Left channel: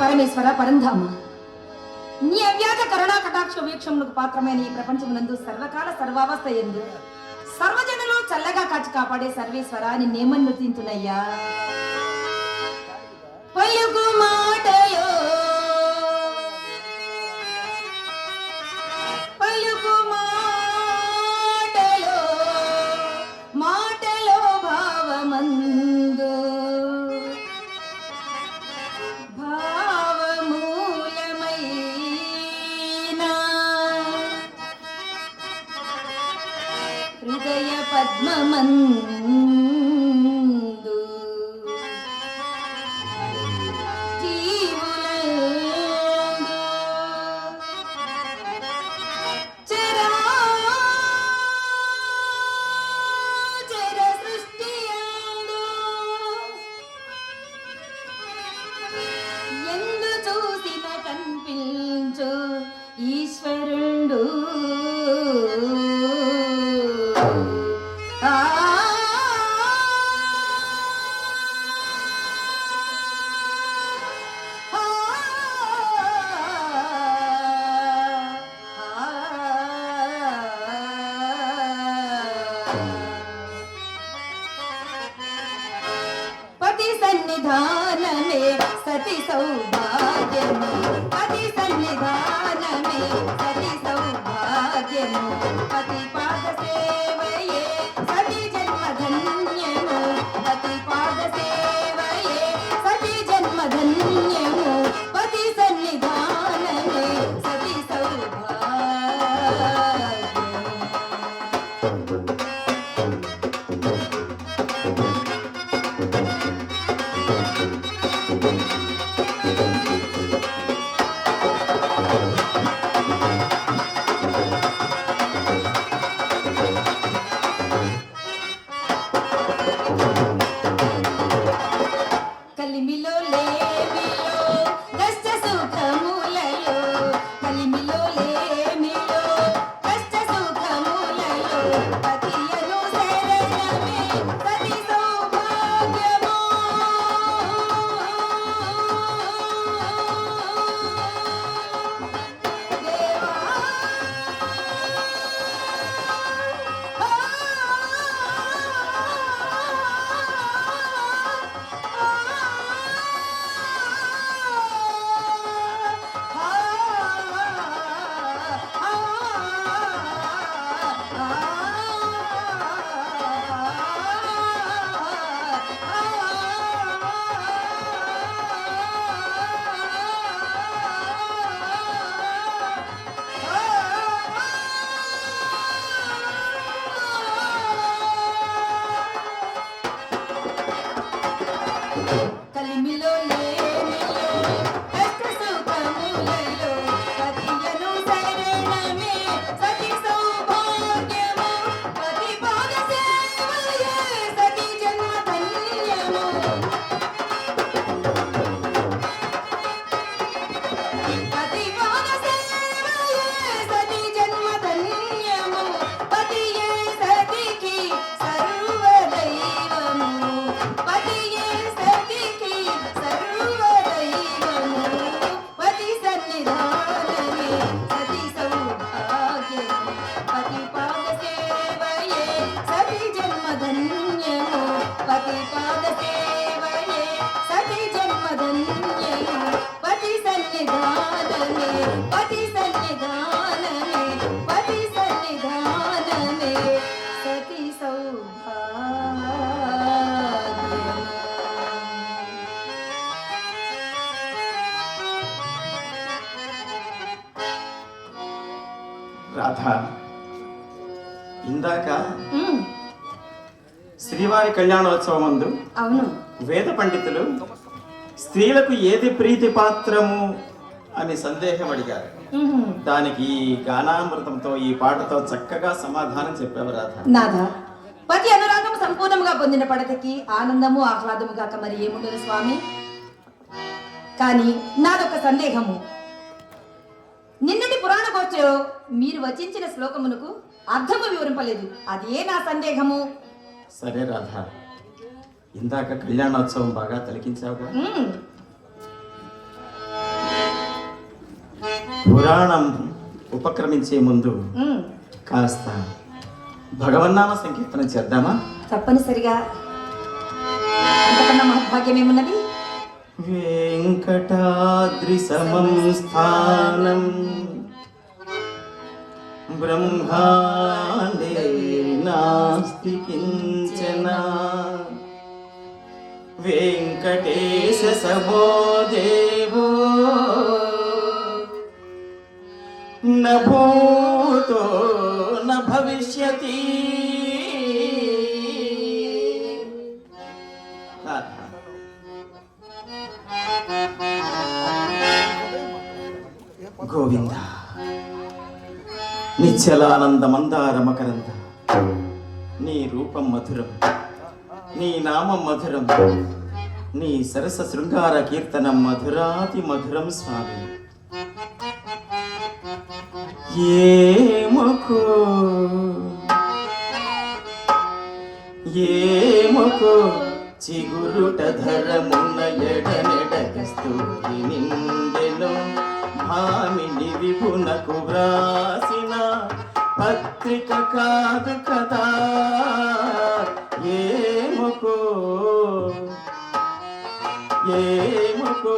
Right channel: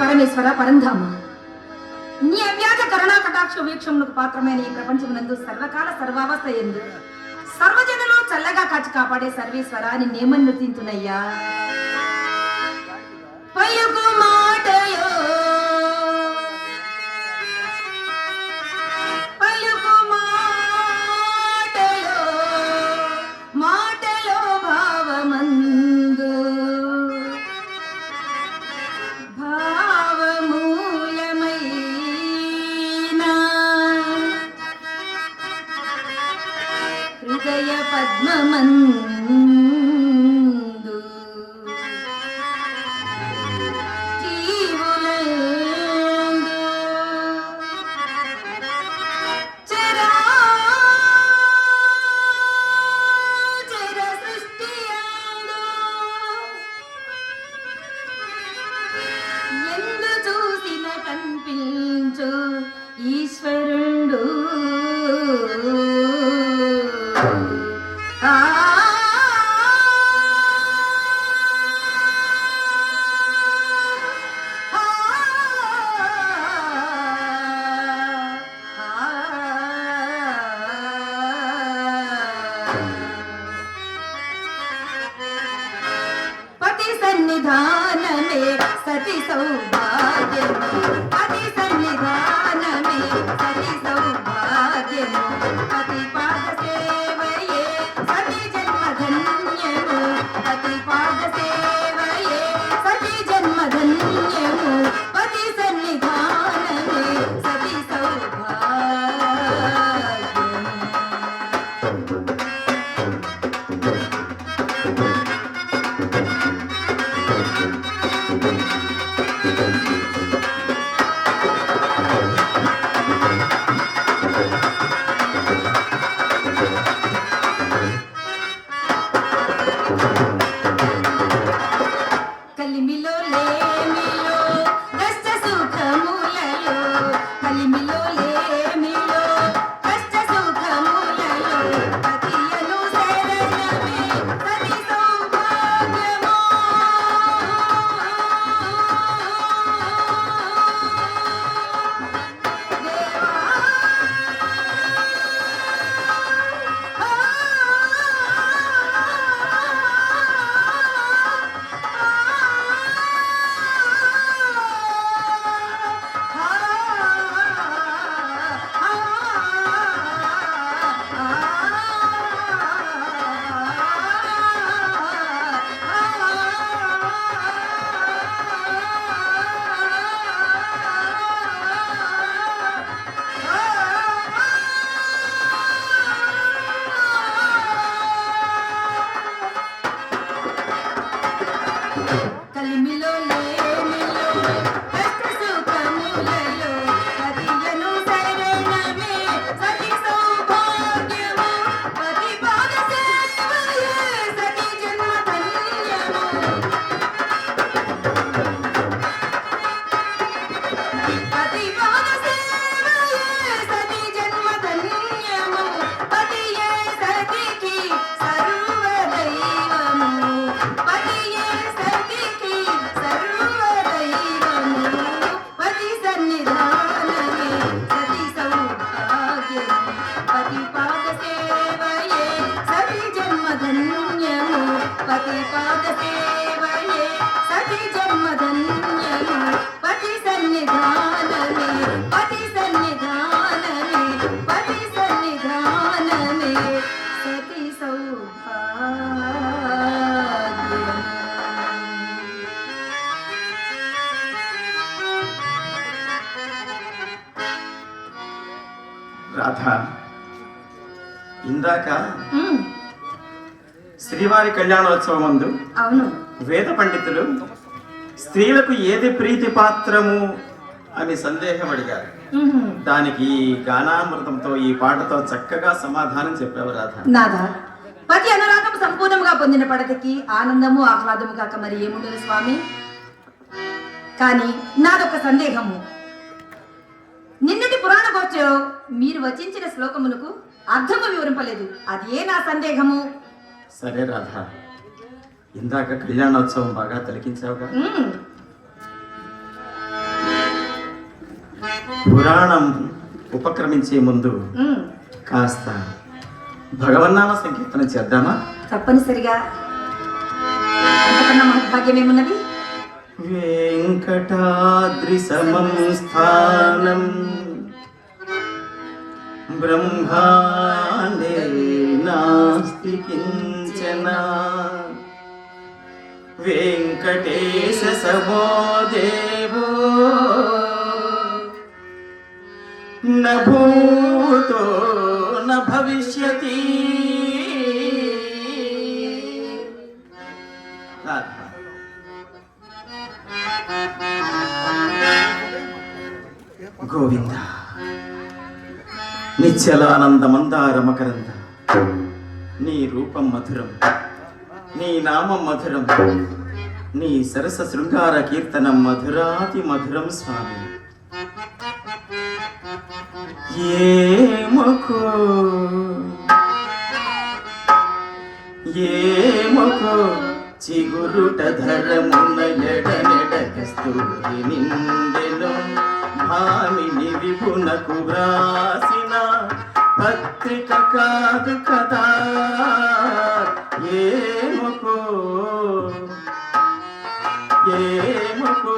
పరమేశ్వర పరంధామ, నీ అవ్యాజ కరుణా కటాక్ష వీక్షమునకు పాత్రమైన ఈ ప్రపంచమునందు సర్వకాల సర్వావస్థ ఎందు సర్వజనులు చల్లగా కాచి కాపాడే సర్వేశ్వర నిన్నేమన్నుతింతునయ్యా. పలుకు మాటయో పలుకు మాటయో మాటలో భావమందు భావమూలమైన హృదయ పద్మమందు జీవులందు చరాచర సృష్టియందు ఎందు చూసిన కనిపించు ఈశ్వరుండు. ఆ పతి సన్నిధానమే సతి సౌభాగ్యము, పతి సన్నిధానమే సతి సౌభాగ్యము, పతి పాద సేవయే సతి జన్మధన్యము, పతి పాద సేవయే సతి జన్మధన్యము, పతి సన్నిధానమే సతి సౌభాగ్యము. కలిమిలో లేమిలో కష్ట సుఖములలో, కలిమిలో లేమిలో కష్ట సుఖములలో పతియను శరణమే సతి సౌభాగ్యము. కలిమిలో లేమిలో కష్ట సుఖములలో పతియను శరణమే సతి సౌభాగ్యము, పతి పాద సేవయే సతి జన్మధన్యము, పతి పాద సేవయే సతి జన్మధన్యము, పతియే సతికి సర్వదైవము, పతియే సతికి సర్వదైవము, పతి సన్నిధానమే సతి సౌభాగ్యము, పతి పాద సేవయే సతి జన్మధన్యము, పతి పాద సేవయే సతి జన్మధన్యము, పతి సన్నిధానమే పతి సన్నిధానమే పతి సన్నిధానమే సతి సౌభాగ్యము. రాధా, ఇందాక ఉమ్, శ్రీవారి కళ్యాణోత్సవం ముందు అవును. వేద పండితులు స్త్రీలకు ఏది ప్రీతి పాత్రము అని సందేహం అడిగారు. ఉహు. దానికి ఈ గానామృతంతో ఈ పాటతో చక్కగా సమాధానం చెప్పావు రాధ. నాథ, పతి అనురాగం సంపూర్ణంగా పొందిన పడతకి ఆనందము ఆహ్లాదము కాక మరి ఏముండదు స్వామి. కానీ నాదొక సందేహము. నిన్నటి పురాణ గోష్ఠిలో మీరు వచించిన శ్లోకమునకు అర్థము వివరింపలేదు. అదే నా సందేహము. సరే రాధా, ఇందాక కళ్యాణోత్సవం బాగా తిలకించావుగా. పురాణం ఉపక్రమించే ముందు ఉమ్, కాస్త భగవన్నామ సంకీర్తన చేద్దామా? తప్పనిసరిగా. అంతకన్నా మహద్భాగ్యం ఏమున్నది? వెంకటాద్రి సమం స్థానం బ్రహ్మాండే నాస్తి కించన వెంకటేశ సమో దేవో న భూతో న భవిష్యతి. గోవింద నిశ్చలానంద మందార మకరంద, నీ రూపం మధురం, నీ నామం మధురం, నీ సరస శృంగార కీర్తనం మధురాతి మధురం స్వామి. ఏమకో ఏమకో చిగురుట ధరమున ఎడనెడకస్తూరి నిండెను భామిని విపునకు వ్రాసిన పత్రిక కాదు కదా. ఏమకో ఏమకో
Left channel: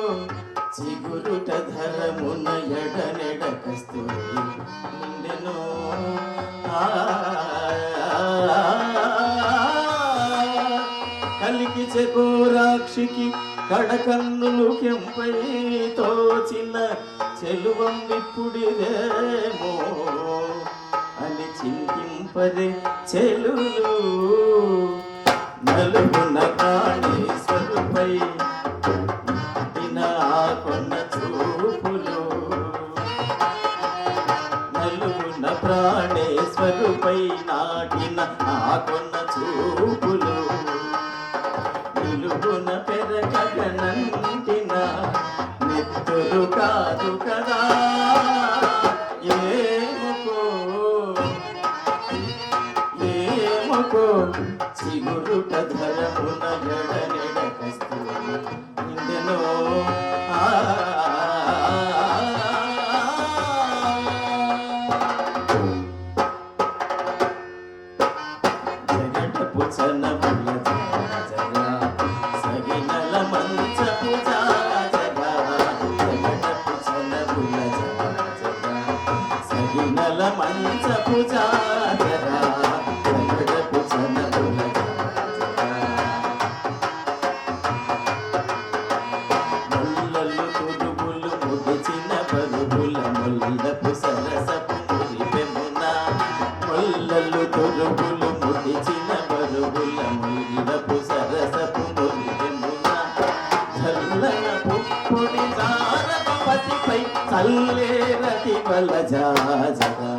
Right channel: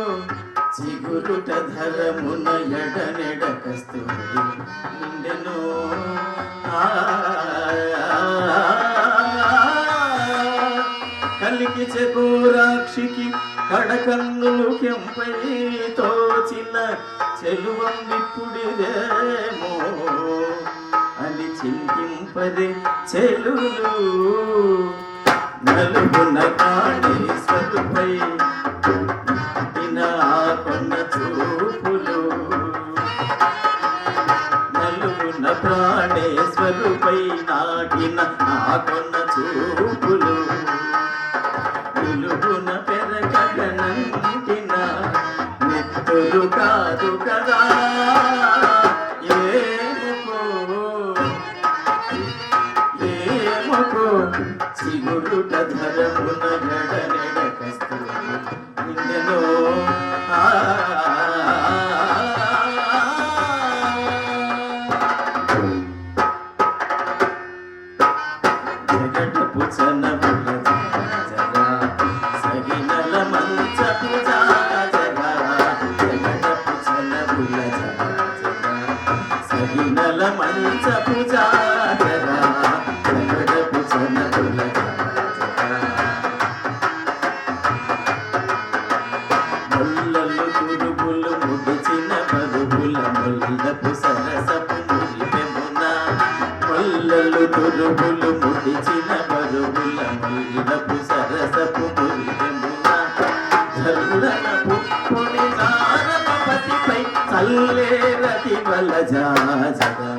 చిగురుట ధరమున ఎడనెడకస్తూరి నిండెను. కలికి చకోరాక్షికి కడకన్నులు కెంపై తోచిన చెలువం విప్పుడిదేమో అని చింతింపదే చెలులు నలుగున కాళేశ్వరుపై కొన్న చూపులు నలుగున ప్రాణేశ్వరుపై నాటిన ఆ కొన్న చూపులు నిలుగున పెరగనంటిన నెత్తులు కాదు కదా. ఏమకో ఏమకో చిగురుట ధరమున ఎడనెడకస్తూరి నిండెను. జగడుపు చనబుల జరా సగినల మంచపు జాజరా, జగడుపు చనబుల జరా సగినల మంచపు జాజరా, జగడుపు చనబుల ముల్లలు తురుములు ముడిచిన పరుగుల ముల్లపు సరసపు మురిపెమున, ముల్లలు తురుములు ముడిచిన పరుగుల ముల్లపు సరసపు మురిపెమున, జల్లన పుప్పుని జానపతిపై చల్లేరతి వల జాజరా,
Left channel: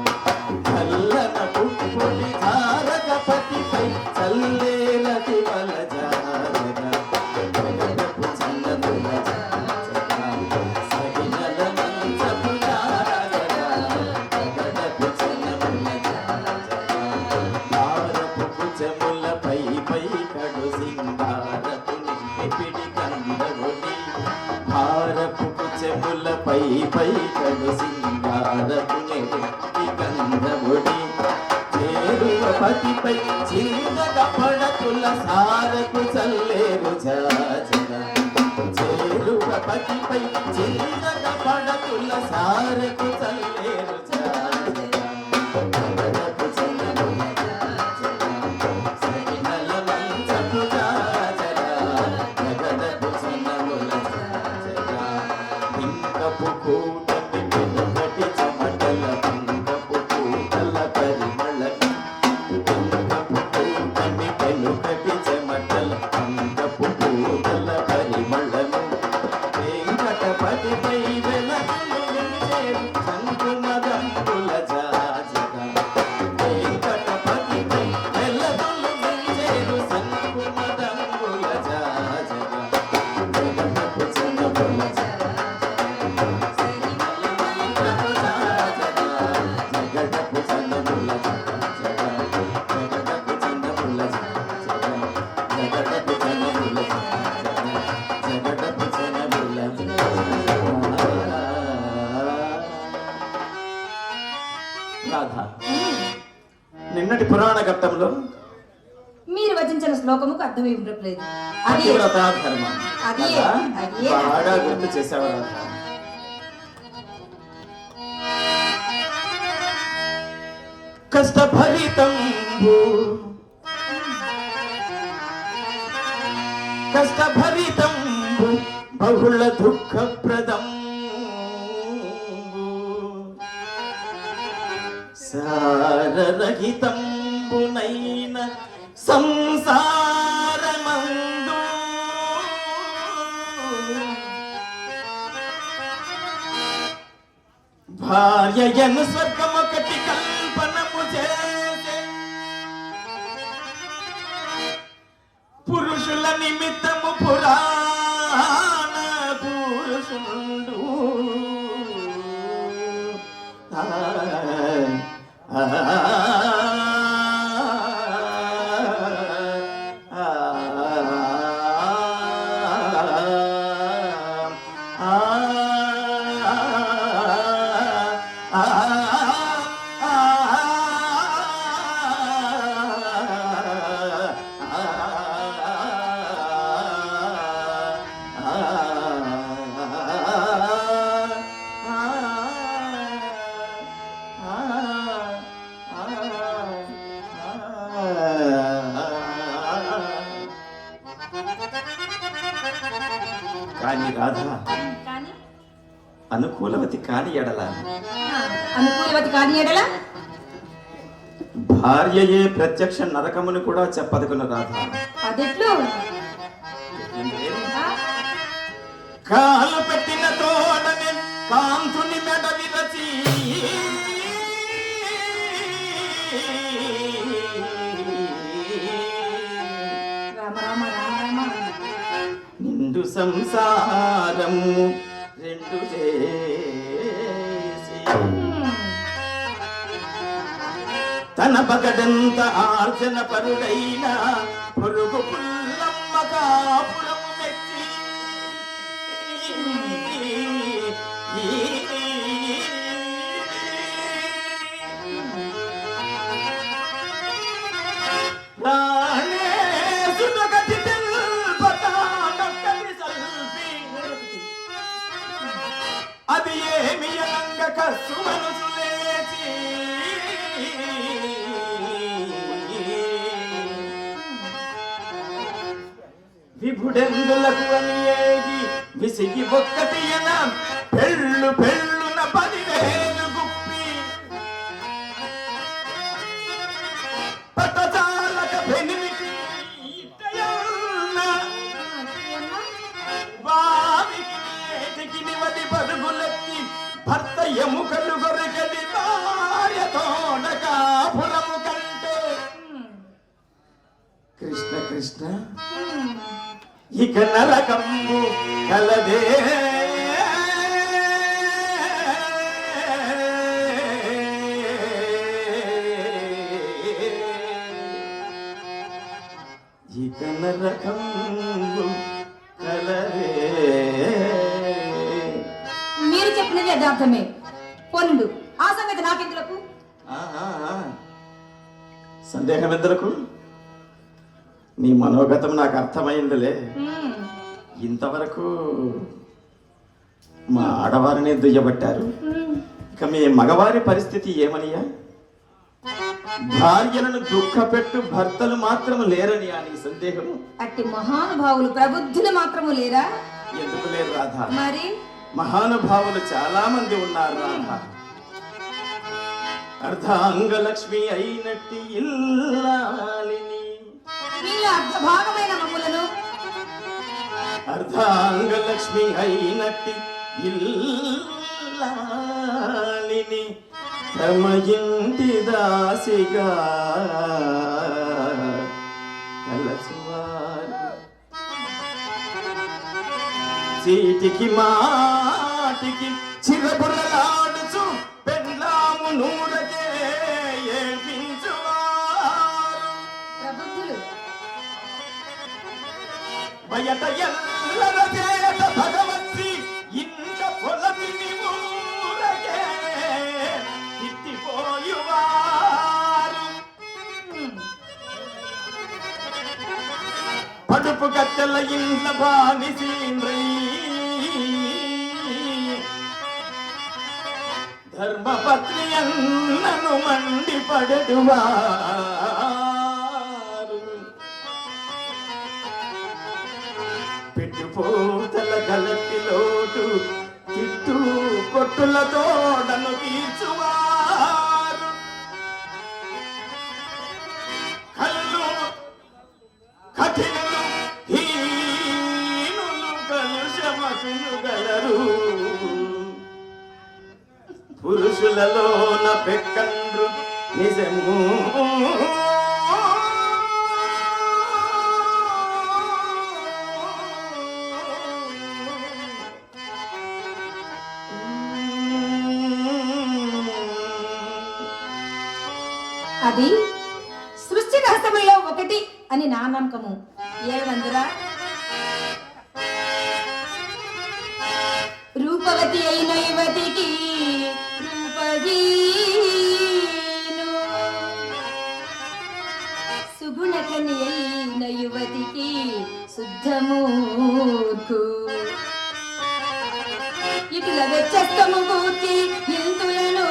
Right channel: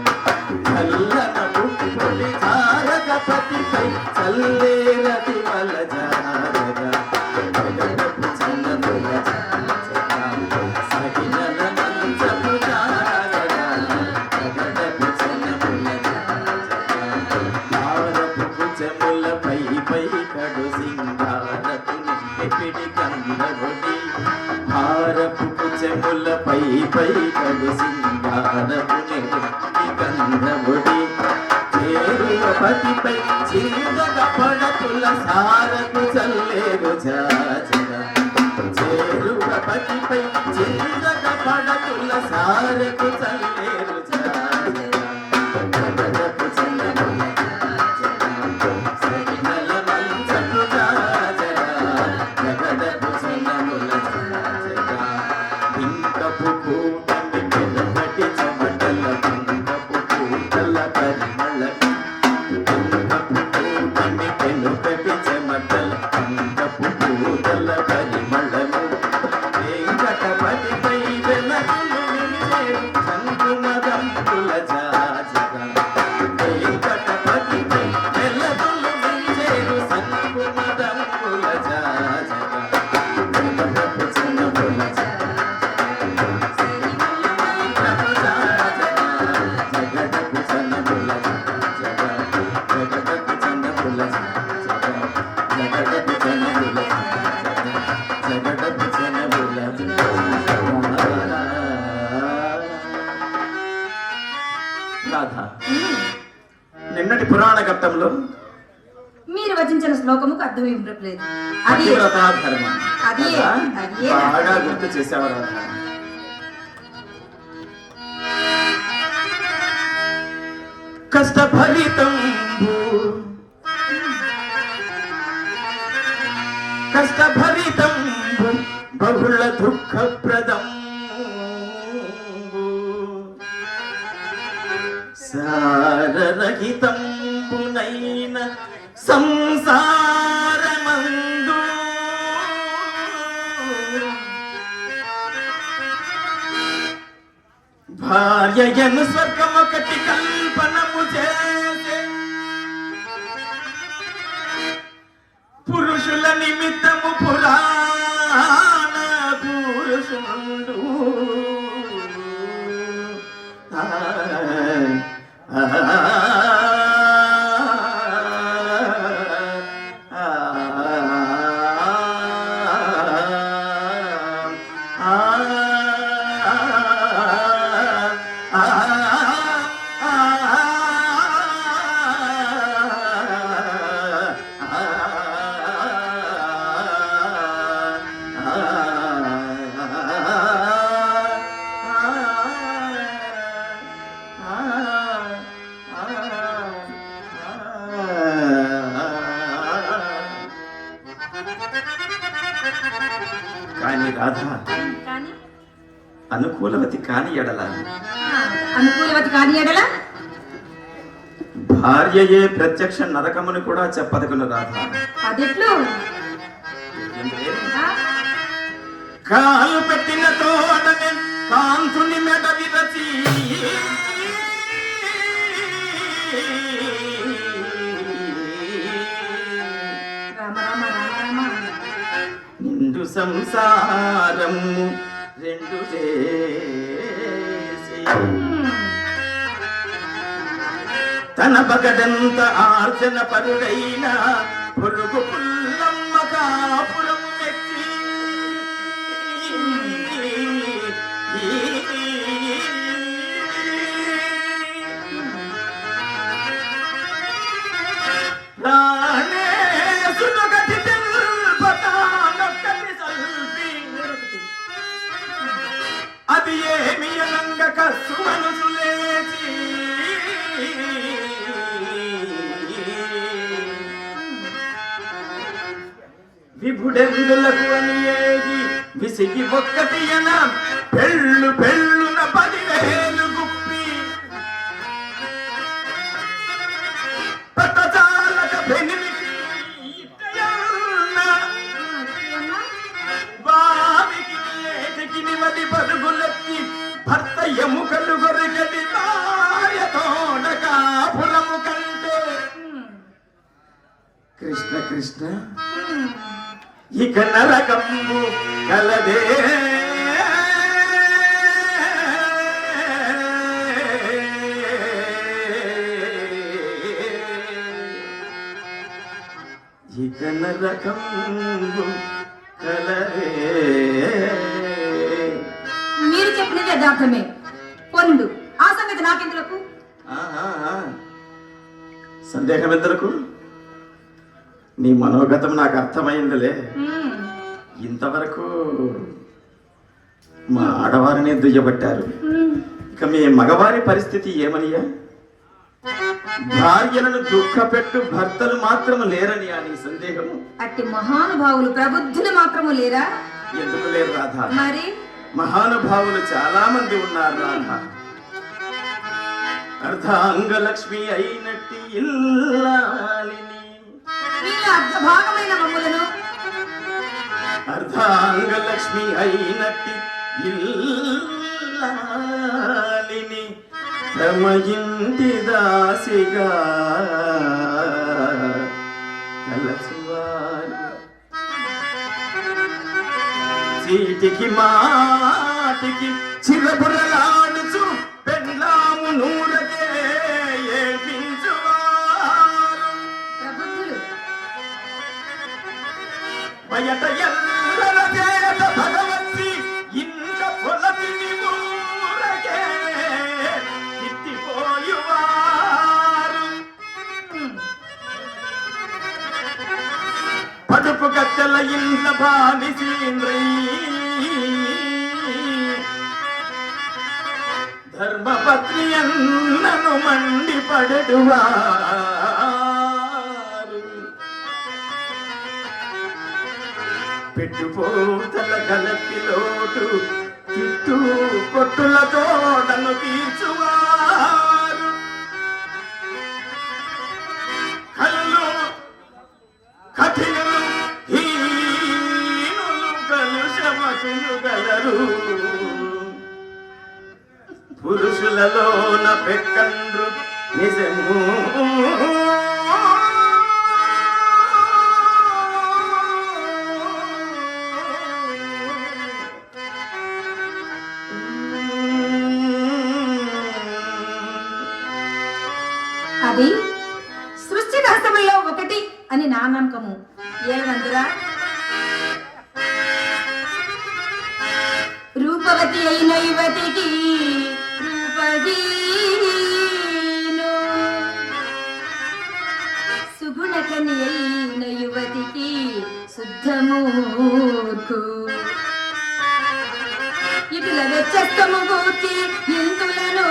జల్లన పుప్పుని జానపతిపై చల్లేరతి వల జాజరా, జగడపు చన్నబుల సగినల మంచపు జాజరా, జగడపు చన్నబుల భారపు కుచముల పై పై కడు సింగారపు నిప్పిడి కందగొడి, భారపు కుచముల పై పై కడు సింగారపు నిప్పిడి కందగొడి, చేరువ పతిపై చిరునగ పడతుల సారకు చల్లేరు జాజరా, చేరువ పతిపై చిరునగ పడతుల సారకు చల్లేరు జాజరా, జగడపు చల్లబుల సగినల మంచపు జాజరా, జగడపు చల్లబుల జాజరా. ఇంకపు కూటమి వెలుపటి చెమటల ఇంకపు కూటల పరిమళ, ఇంకపు కూటమి వెలుపటి చెమటల ఇంకపు కూటల పరిమళము, వెంకటపతిపై వెలగలు నిలిచేరు శంకుమదంపుల జాజరా, వెంకటపతిపై వెలగలు నిలిచేరు శంకుమదంపుల జాజరా, జగడపు చల్లబుల జగడపు చల్లబుల నిన్నటి పురాణ ఘట్టంలో మీరు వచించిన శ్లోకముకు అర్థం ఏం లేదు. అది పతివ్రతా ధర్మం. అదే, అలా అదే. బాగా గుర్తు చేసావు రాధ. కష్టభరితంబు కష్టభరితంబు బహుళ దుఃఖప్రదం సారరహితంబునైన సంసారమందు భార్యయను స్వర్గమొకటి కల్పనము చేసే పురుషుల నిమిత్తము పురాణ పురుషుడు కానీ రాధ కానీ అనుకూలవతి కాని ఎడల అనుకూలవతి కాని ఎడల భార్యయే ప్రత్యక్ష నరకమును కూడా చెప్పదగును రాధ. అదెట్లు? కాలు పెట్టిన తోడనే కాంతుని మెడ విరచి రామ రామ రామ రామ. నిండు సంసారము రెండు చేసి తన పగడంత ఆర్జన పరుడైన పొరుగు పుల్లమ్మ కాపురం ఎక్కి ప్రాణేశునొకటి తెల్పతానొకటి సల్పి అది ఏమి అనంగ కసు మనసు లేచి విభుడెందులకు అని ఏగి విసిగి ఒక్కటి అన పెళ్ళు పెళ్ళున 10,000 గుప్పి పట్టచాలక పెనిమిటి ఇట్టయన్న వారికి ఏటికి నిమది పరుగులెత్తి భర్త ఎముకలు గొరిగడి భార్య తోడ కాపురము కంటే కృష్ణ కృష్ణ ఇక నరకంబు కలదే ఇక నరకంబు కలదే. మీరు చెప్పినది యథార్థమే. పొండు ఆ సంగతి నాకెందులకు? సందేహం ఎందులకు? నీ మనోగతం నాకు అర్థమైందిలే. ఇంతవరకు మా ఆడవారిని దుయ్యబట్టారు, ఇక మీ మగవారి పరిస్థితి ఏమనియా? భార్యలను దుఃఖపెట్టు భర్తలు మాత్రము లేరని అని సందేహము? అట్టి మహానుభావులు ప్రబుద్ధులు మాత్రము లేరా? ఎందుకు లేరు రాధ? మరి మహానుభావులు చాలా మంది ఉన్నారు రాధ. అర్ధాంగలక్ష్మి అయినట్టి ఇల్లాలిని, వీళ్ళ అర్ధభాగమైన మమ్ములను అర్ధాంగలక్ష్మి అయినట్టి ఇల్లాలిని తమ ఇంటి దాసిగా తలచువారు. చీటికి మాటికి చిరబురలాడుచు పెళ్ళాము నూరకే ఏడ్పించువారు. ప్రబుద్ధులు బయట ఎల్లర చేత భగవతి ఇంట పొలతిని ఊరకే తిట్టిపోయువారు. కడుపు కత్తెల ఇండ్ల బానిసీంద్రై ధర్మపత్ని అన్నను మండిపడెడువారు పెట్టుపోతల గలపిలోటు తిట్టు కొట్టులతో నన్ను తీర్చువారు కళ్ళు కఠినలు హీనులు కలుషమతులు గలరు పురుషులలోన పెక్కండ్రు నిజము అది సృష్టి రహస్యములలో ఒకటి అని నా నమ్మకము. ఏమనందురా? రూపవతి అయిన యువతికి రూపహీను, సుగుణకని అయిన యువతికి శుద్ధమూర్ఖు, ఇటుల వెచ్చస్తము కూర్చి ఇంతులను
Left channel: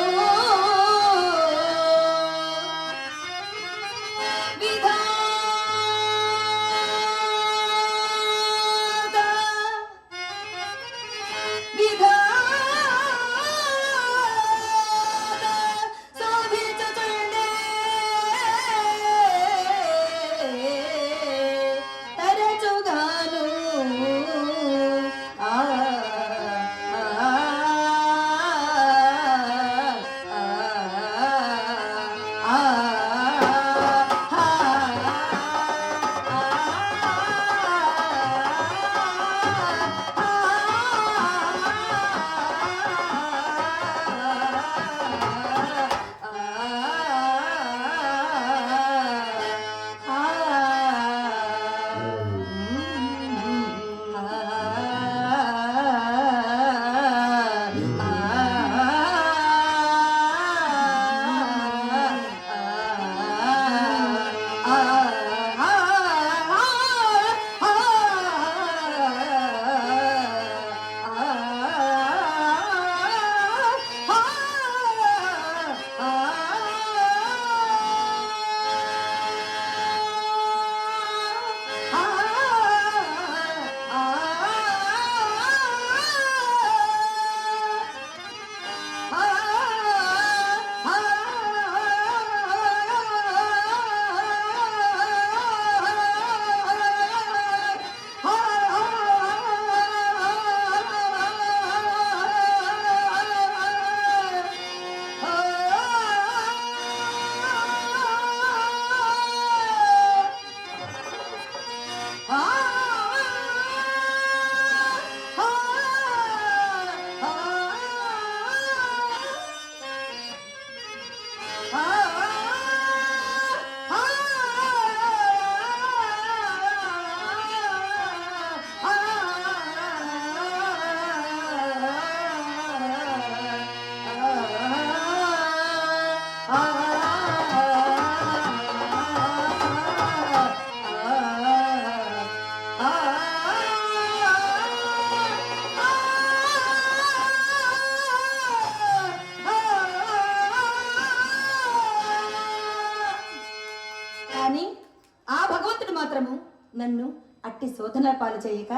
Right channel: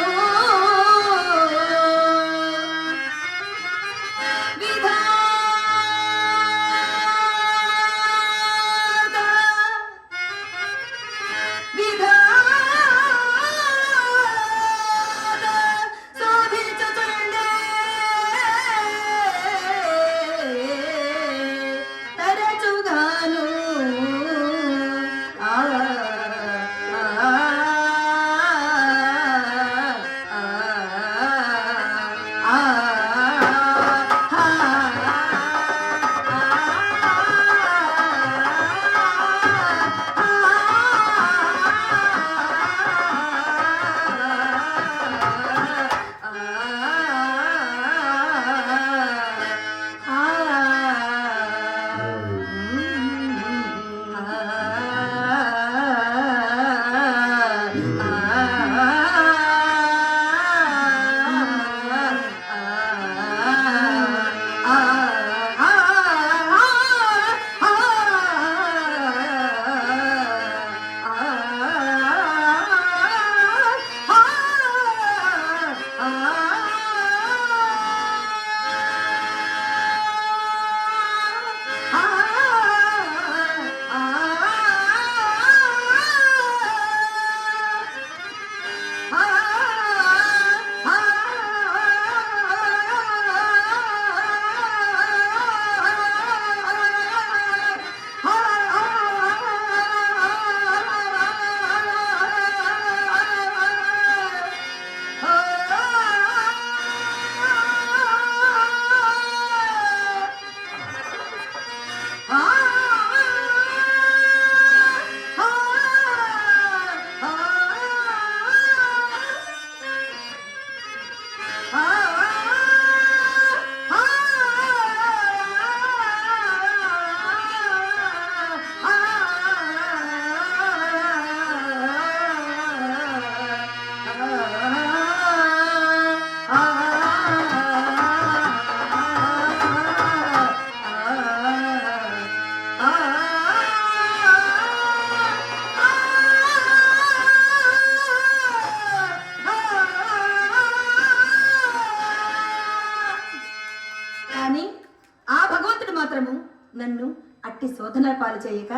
నన్ను అట్టి శోధన పాలు చేయక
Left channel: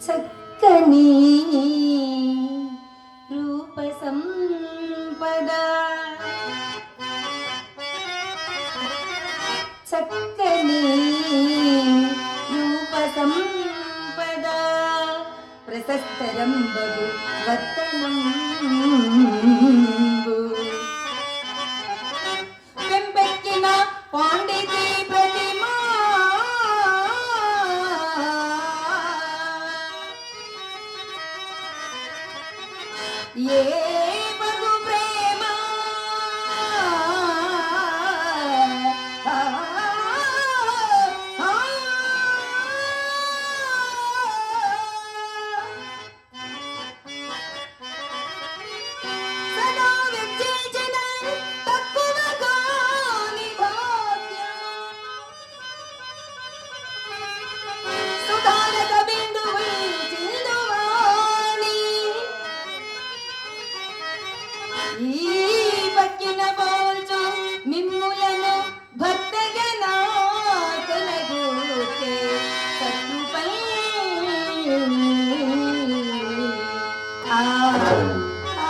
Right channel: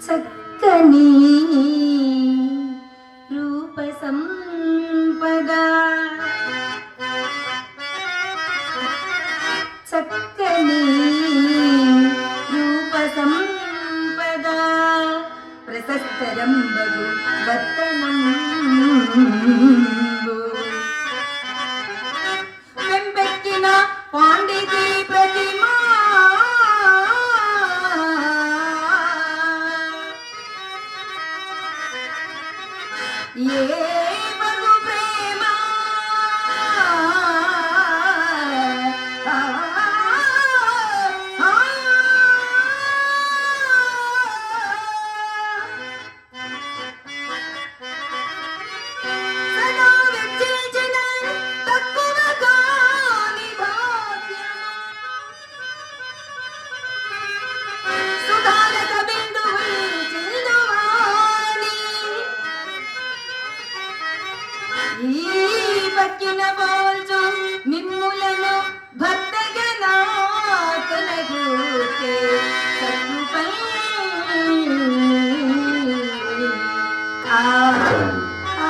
చక్కని రూప సంపద, చక్కని రూప సంపద, ప్రశస్తరంబగు వర్తనం ఏ బగు ప్రేమ ఈ పక్కిన పోల్చు మిమ్ములను భక్తగణాతనగూర్చే సత్కృపై. ఆ ఆ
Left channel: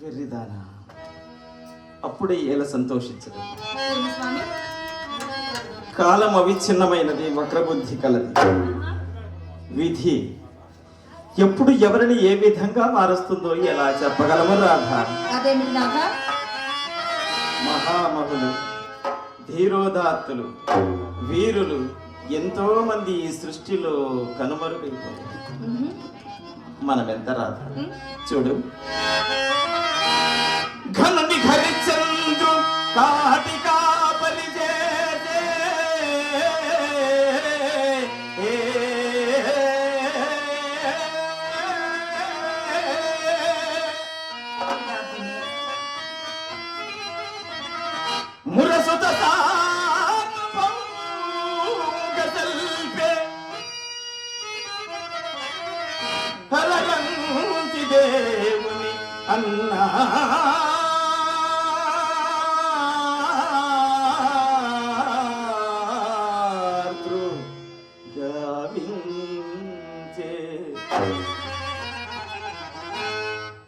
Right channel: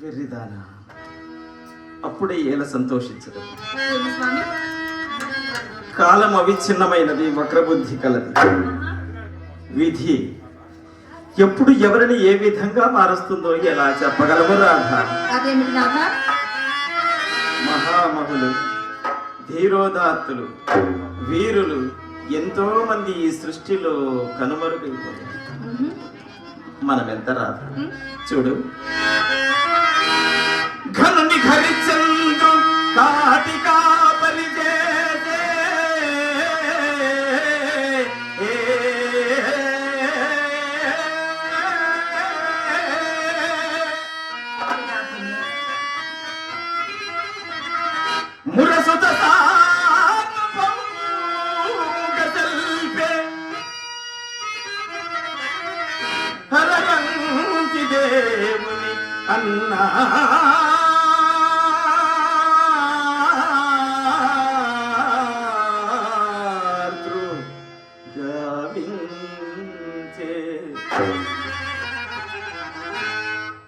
వెర్రిదానా, అప్పుడే ఎలా సంతోషించదు. ఏమి స్వామి? కాలం అవిచ్ఛిన్నమైనది, వక్రబుద్ధి కలది. విధి ఎప్పుడు ఎవరిని ఏ విధంగా మారుస్తుందో ఎలా చెప్పగలము రాధా? అదేమిటి నాథ? మహామహులు, ధీరోదాత్తులు, వీరులు ఎంతో మంది ఈ సృష్టిలో కనుమరుగైపోయారు. మనమెంత రాధ? చూడు, ఘనుని ఘరిచంద్రు కాటికా పరిచేసే, మురసుత సార్వభౌమగతల్పే, హరయంతి దేవుని అన్నా గావించే,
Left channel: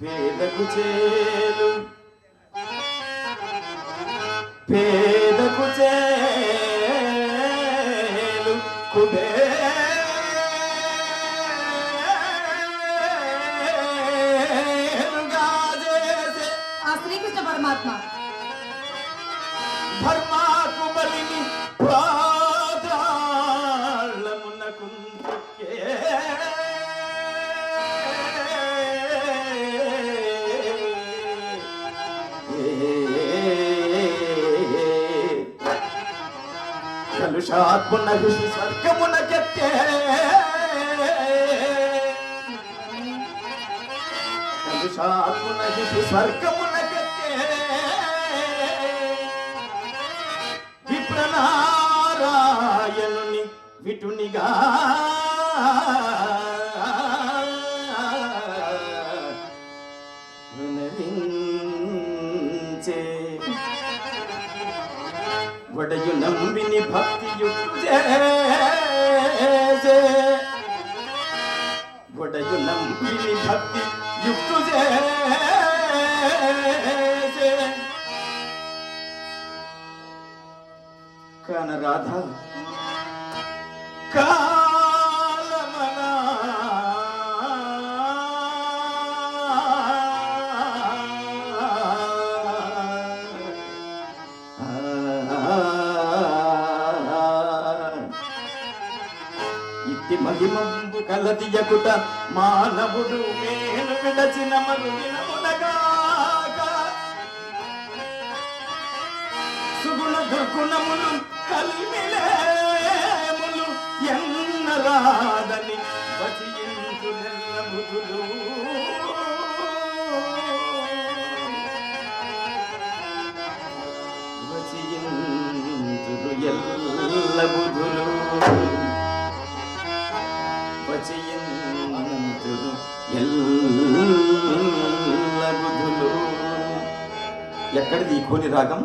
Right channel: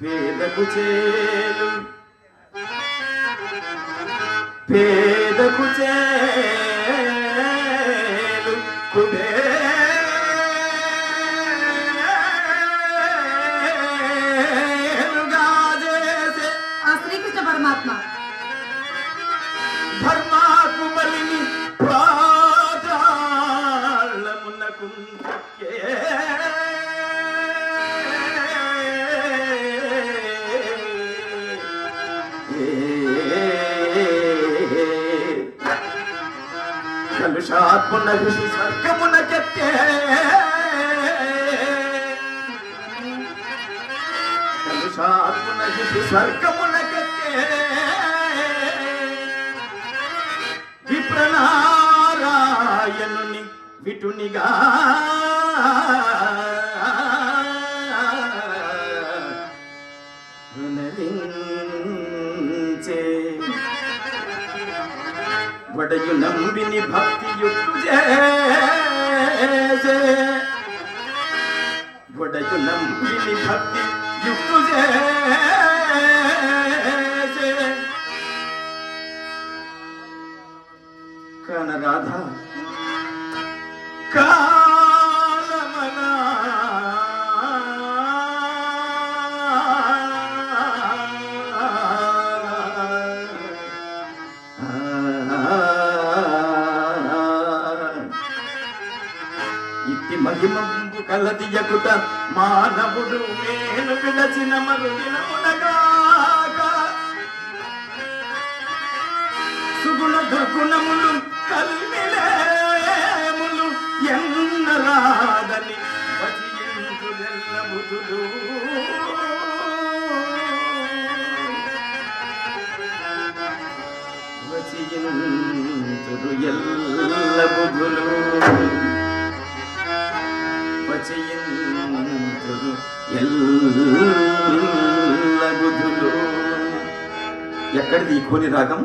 పేదకు చేలు పేదకు చేలు కుబేరుగా చేసే ఆ శ్రీకృష్ణ పరమాత్మ ధర్మాకు బలిని పాతాళమునకు తొక్కే. కలుషాత్మున ఋషి స్వర్గమునకెత్తే, కలుషాత్మున ఋషి స్వర్గమునకెత్తే, విప్రనారాయణుని విటునిగా వినరించే, వడయు నంబిని భక్తియుక్తు చేసే, వడయు నంబిని భక్తి యుక్తు చేసే. కాన రాధ కాలమనా ఇట్టి మహిమంబు కలదియకుట మానవుడు మేలు విడచిన మరుగినమునగాక, సుగుణ దుర్గుణములు కలిమిలేములు ఎన్నరాదని వచింతులెల్ల బుధులు. వచింతులు ఎల్ల బుధులు, వచింతులు ఎల్ల బుధులు. ఎక్కడిది ఈ కోని రాగం?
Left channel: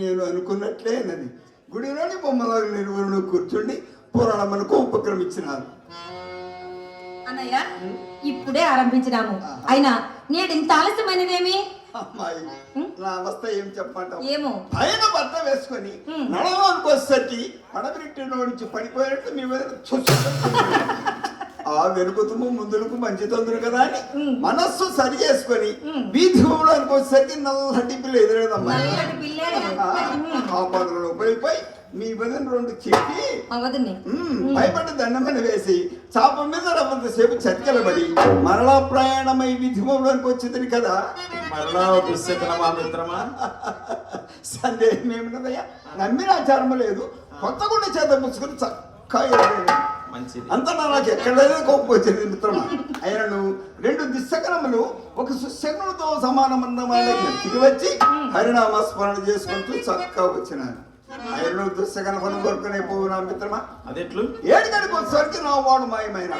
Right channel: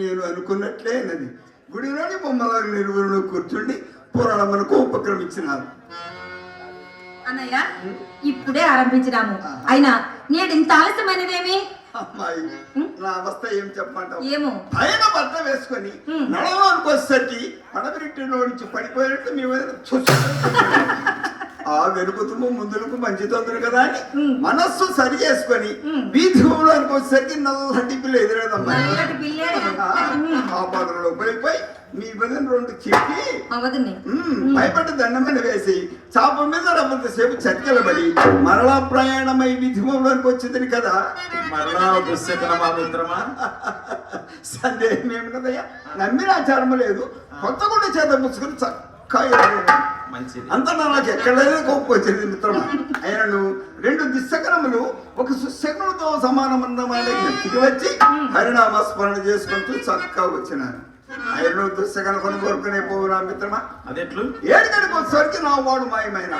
నేను అనుకున్నట్లే అన్నది. గుడిలోని బొమ్మల నిలువురు కూర్చుండి పురాణములకు ఉపక్రమించినారు. అన్నయ్య ఇప్పుడే ఆరంభించినాము. అయినా నేడు ఇంత ఆలస్యమైనదేమి? అమ్మాయి నా అవస్థ ఏం చెప్పంటావు? ఏమో పైన బట్ట వేసుకొని నడవడానికి వచ్చేసరికి పడబెట్టిలో నుంచి పడిపోయినట్టు మీ మీద ఆ వెనుకుతుము ముందులకు మంచి తొందరు కదా అని మనస్సు సరి చేసుకొని వీధి భూములకు వచ్చేసరికి నల్లటి పిల్ల ఎదురేదమ్మా. నల్లటి పిల్లే. ఆ పనులలో పోయిపోయి మీ మీద రెండు చెప్పి అవదని భయపడి దండమైన వేసి చాప మీద రమ్మంతసేపు చతికెలబడి మరలా ప్రయాణమై విధి భూములకు వచ్చింది కదా. మరలా దుశ్శకనమా మిత్రమా? సందేహం ఏమిటదయ్యా, నమ్మిన ఆచారము లేదు. కొత్త గుండె చేత ముసుకుని చక్కగా మంచిది. అంతటా నాకు ఎక్కడైనా కోపం వచ్చింది మిత్రమా. ఆయనను రెండు దిశకరములు ఒక సుశకములతో సమానమన్నమాట ఇంటికి వచ్చి హరినామ స్మరణ చేసుకుంటూ చక్కగా వచ్చినాను. ఆయన దుస్సగల పని కోరుకునే పోవునా మిత్రమా. అదెట్లు? ఏడుగడికి వచ్చేసరికి నా వాడు మాయమైన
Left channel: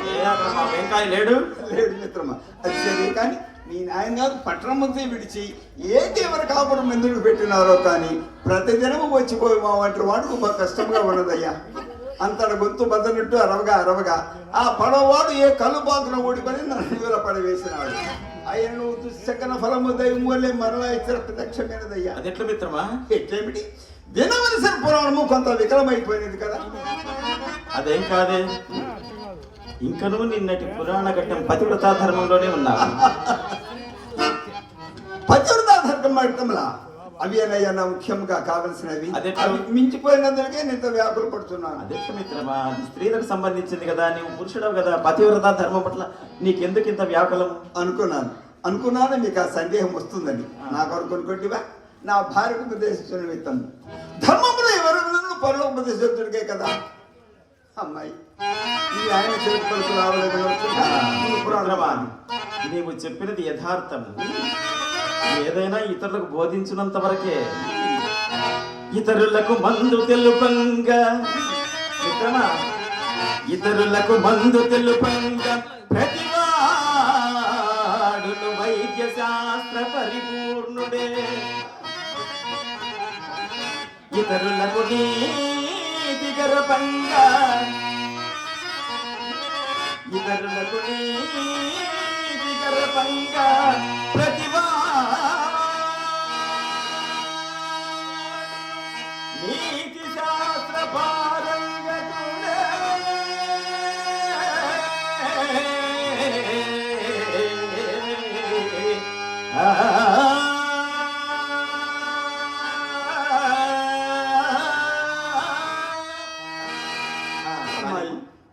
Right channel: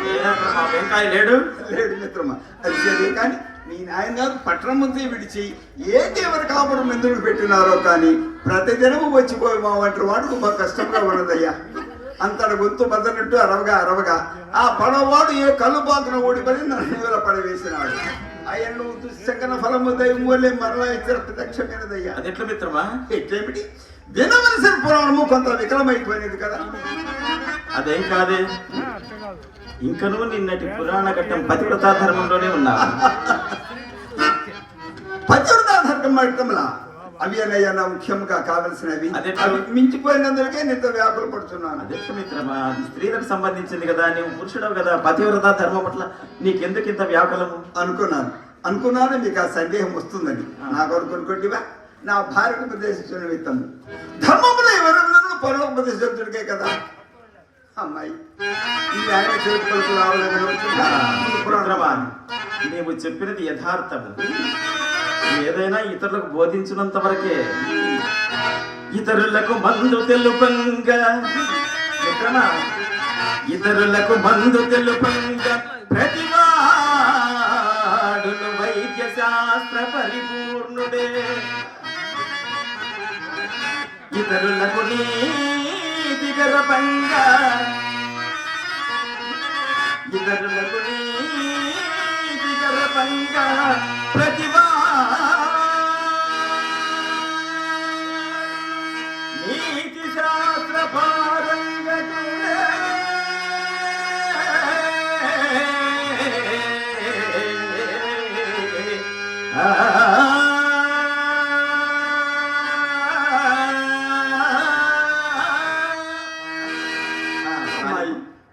వెంకాయ లేడు లేదు మిత్రమా. అది సరే కానీ మీ నాయన గారు పట్టణమంతా విడిచి ఏంటి ఎవరి కాపురం ఎందుకు పెట్టినారో కానీ ప్రతిదినము వచ్చిపోయి మా వంటి వాడుకు బాగా కష్టంగా ఉన్నదయ్యా. అంతట గొంతు బద్దనట్టు అరవగా ఆ పడవాడు ఏ కళ్ళు బాగున ఓడిపడి నన్ను పడవేసినాడు. ఆయన దుస్సకన ఫలము దైవం వల్లే మరలా ఇచ్చిన ప్రత్యక్షమైనదయ్యా. అదెట్లు మిత్రమా? ఎట్లేమిటి వినవలసిన పురాణము కొంత వికలమైపోయినది కదా. అదేం కాదే, ఇంకనూ నిన్నటి పురాణ ఘట్టం పతివ్రతా ధర్మంలోనే ఉన్నా. పతివ్రతా ధర్మంలా అవి అన్నయ్య ముఖ్యంగా కావలసినవి. అదెట్లా? అవి మించిపోయినందుకే నేను వ్యాకులు పడుతున్నాను. అదెట్లు మిత్రమా? అది స్త్రీలకు సంబంధించింది కదా, నీవు పురుషుడవు కదా. పతివ్రతా ధర్మం పట్ల నీకెందుకు ఇంత వ్యాకులం? అనుకున్నాను మీకు ఆ సందేహం వస్తుందని. నా కొరకు అనుకోండివా, నా భార్యకు ఉపదేశించిన విత్తము ధర్మములు ఎవరు పరోపదేశించుడికే కదా. అమ్మాయి ఈ ఆయన చేతులకు రావాలని నీవు చెప్పినది యథార్థము. ఏదైనా ఇతరులకు బోధించినంత వరకే. ఇతరులకు మందు తెలుపంగా మిత్రమా, ఇతరులకు మందు తెలుపంగా ప్రతివాడును వైద్య శాస్త్ర పరిపూర్ణుడే. ఇతరులకు నీతి గర్భంగా, ఇతరులకు నీతి గర్భంగా ప్రతిభా నీతి శాస్త్ర పారంగతుడే.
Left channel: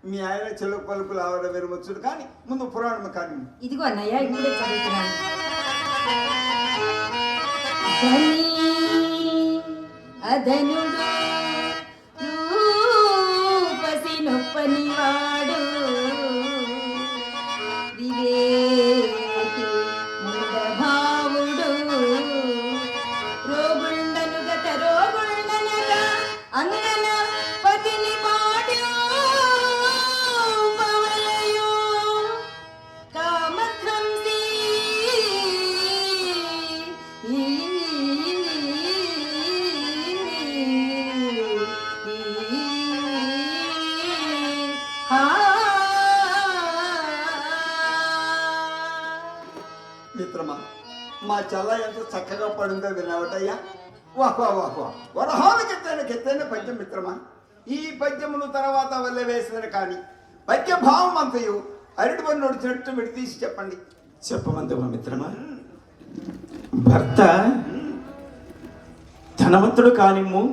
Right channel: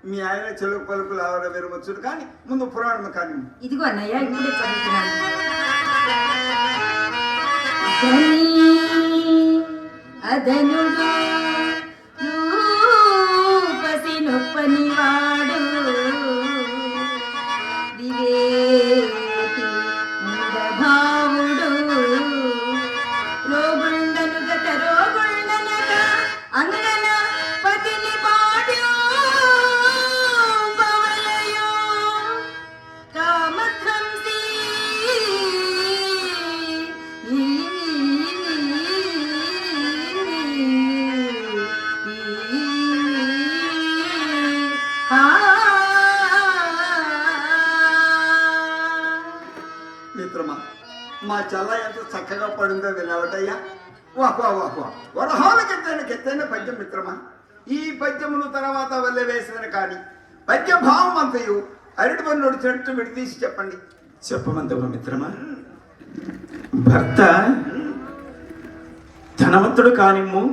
మీ ఆయన చెలుకు పలుకులు ఆవిడ విరవచ్చుడు కానీ ముందు పురాణం కానీ. ఇదిగో అన్నయ్య ఇప్పుడే చదువుతున్నాను. అదనుడు రూపసి నొప్పనివాడు వివేకి ముదభావుడు రోగుండను గత రోగుండనక అంగన పతిని పాడు బవలయో కామధ్వంసి మిత్రమా, మా చల్ల ఎంత చక్కగా పడిందో విన్నావటయ్యా. వాహ్ వాహ్ వాహ్ వాహ్. వరహాలకెత్తైన పద్యం మిత్రమా. ఈ పద్యమును తర్వాత వల్ల వేసిన కానీ పద్య భావం అంతయు అరటి పని నడిచినట్టు విడదీసి చెప్పండి. చెప్పమంతవ మిత్రమా. భర్త ధనవంతుడు కానిమ్ము,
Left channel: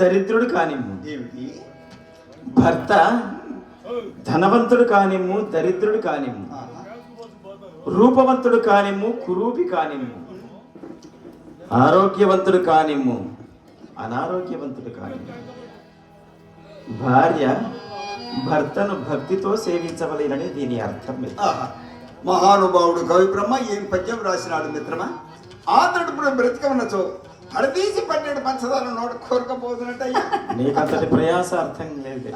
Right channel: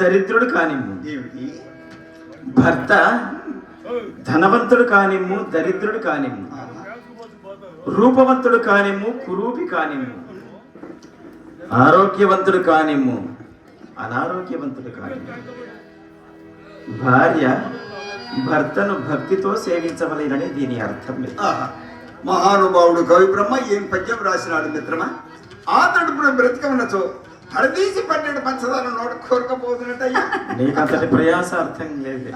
దరిద్రుడు కానిమ్ము. ఏమిటి? భర్త ధనవంతుడు కానిమ్ము, దరిద్రుడు కానిమ్ము, రూపవంతుడు కానిమ్ము, కురూపి కానిమ్ము, ఆరోగ్యవంతుడు కానిమ్ము, అనారోగ్యవంతుడు కానిమ్ము, భార్య భర్తను భక్తితో సేవించవలేనని దీని అర్థం. మహానుభావుడు కవి బ్రహ్మ ఏం పద్యం రాసినాడు మిత్రమా. ఆతడు బ్రతిక ఉన్నచో హడదీసి పట్టేడు పంచదార నోట కోరకపోతున్నట్టయ్యా. నీకంతటి ప్రయాస అర్థం లేదు.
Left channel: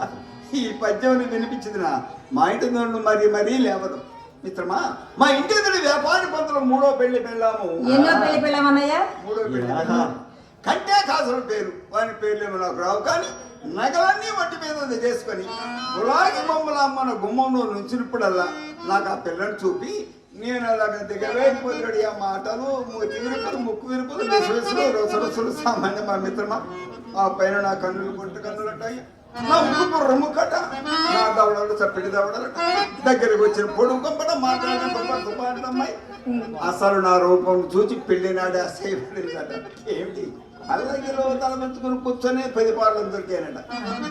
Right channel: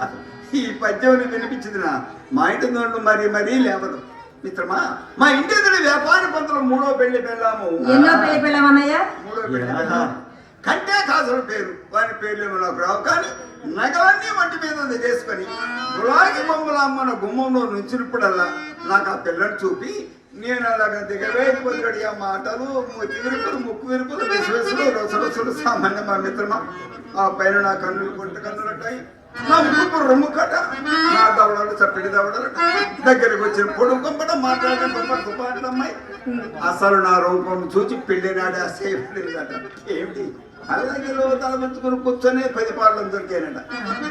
ఈ పద్యం వినిపించింది మా ఇంటి నుండి మరీ లేవదు మిత్రమా. మా ఇంటి ఎదురు వ్యాపారి పంతులు మూడో పెళ్లి పెళ్ళాము. ఎన్నో పెళ్లి పెళ్ళామన్నయ్య? మూడో పెళ్లి. కంటే కాసుల పేరు వారి పేర్లేమో నాకు రావు, కానీ నగలన్నీ వంటి మీద చేసుకొని గులాగి బొమ్మల అమ్మన గుమ్మంలో నుంచినప్పుడల్లా నాకు ఆ పిల్లని చూపి నేను అలాగ దిగవేసిపోతాడు. ఆ మాటలు మూతి విరుపులు, ముక్కు విరుపులు, విశ్వసులు, రొసరొసలు సామాన్య మా మిత్రమా. ఆ పైన నా కన్నులు గుంట కన్నులుంటాయి, నా ముక్కు రొమ్ము కట, నా దవడలు చప్పిడి దవడలట, దగ్గరికి వచ్చిన పొడుగు కొంపట మాట్లాడమ్మాయి. అసలు నా రూపం చూచి పెళ్లి నాడే అసేపడిందట. ఏమిటి అలాగే తల పెంచుకుని కూర్చొని 10 పాటలు దొరికాయనట.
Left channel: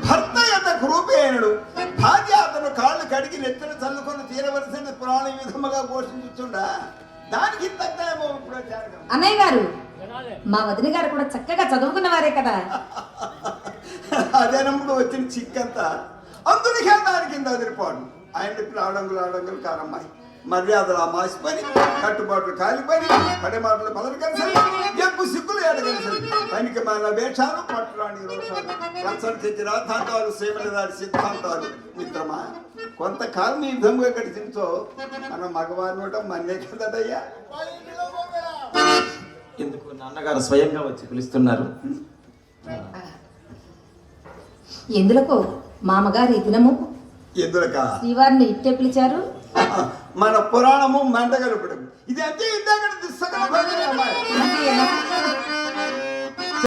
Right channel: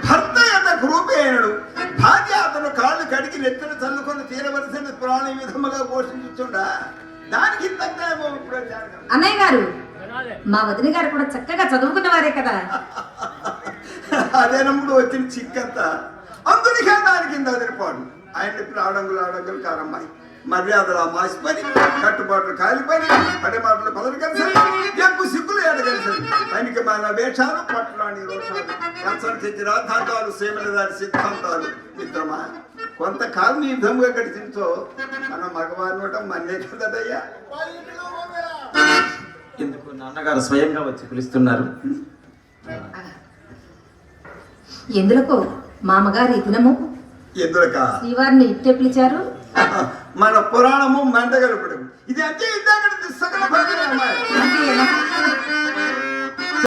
భర్త ఎంత గ్రూపి అయినడు, భార్య అతను కాళ్ళు కడిగి నెత్తిన చల్లుకొని తీరవలసిన ప్రాణి విధముగా పోషించుండా. దానికి తగ్గ అన్నయ్య గారు, మా వదిన గారు కూడా చక్కగా చదువుకున్న వారే కదా. అదేనప్పుడు వచ్చిన చిక్కంతా అందునికే దాని కింద వదిలిపోడు. ఆయన ఇప్పుడు ఆడంగులు కారమ్మాయి, మర్యాదలు మాసిపోయి, కట్టుబాట్లు కాలిపోయి, అడే మాటలు పదవి కలిసి, ఎక్కువ సిగ్గులు ఏడగలిసి, ఆయనకి మన వేషాలు, పట్టణాన్ని రోషాలు, కంచలు తెచ్చి రాద్ధాంతాలు, సేవల దాని సిద్ధాంతాలు. మిత్రమా, కొంతకాలం ఈ విధంగా గడిచించో మన మగవారిని మన్నే కదయ్యా. ఎందుకు నాన్నగారు స్వయంగా వచ్చి పిలుస్తున్నారు? ఎందులకు మామగారు ఈ దినము ఎందులక శ్రీవారిని ఇట్టే పిలిచారు? మన పురాణము మెంటగలుపడం ఇది అంతే. ఇందాక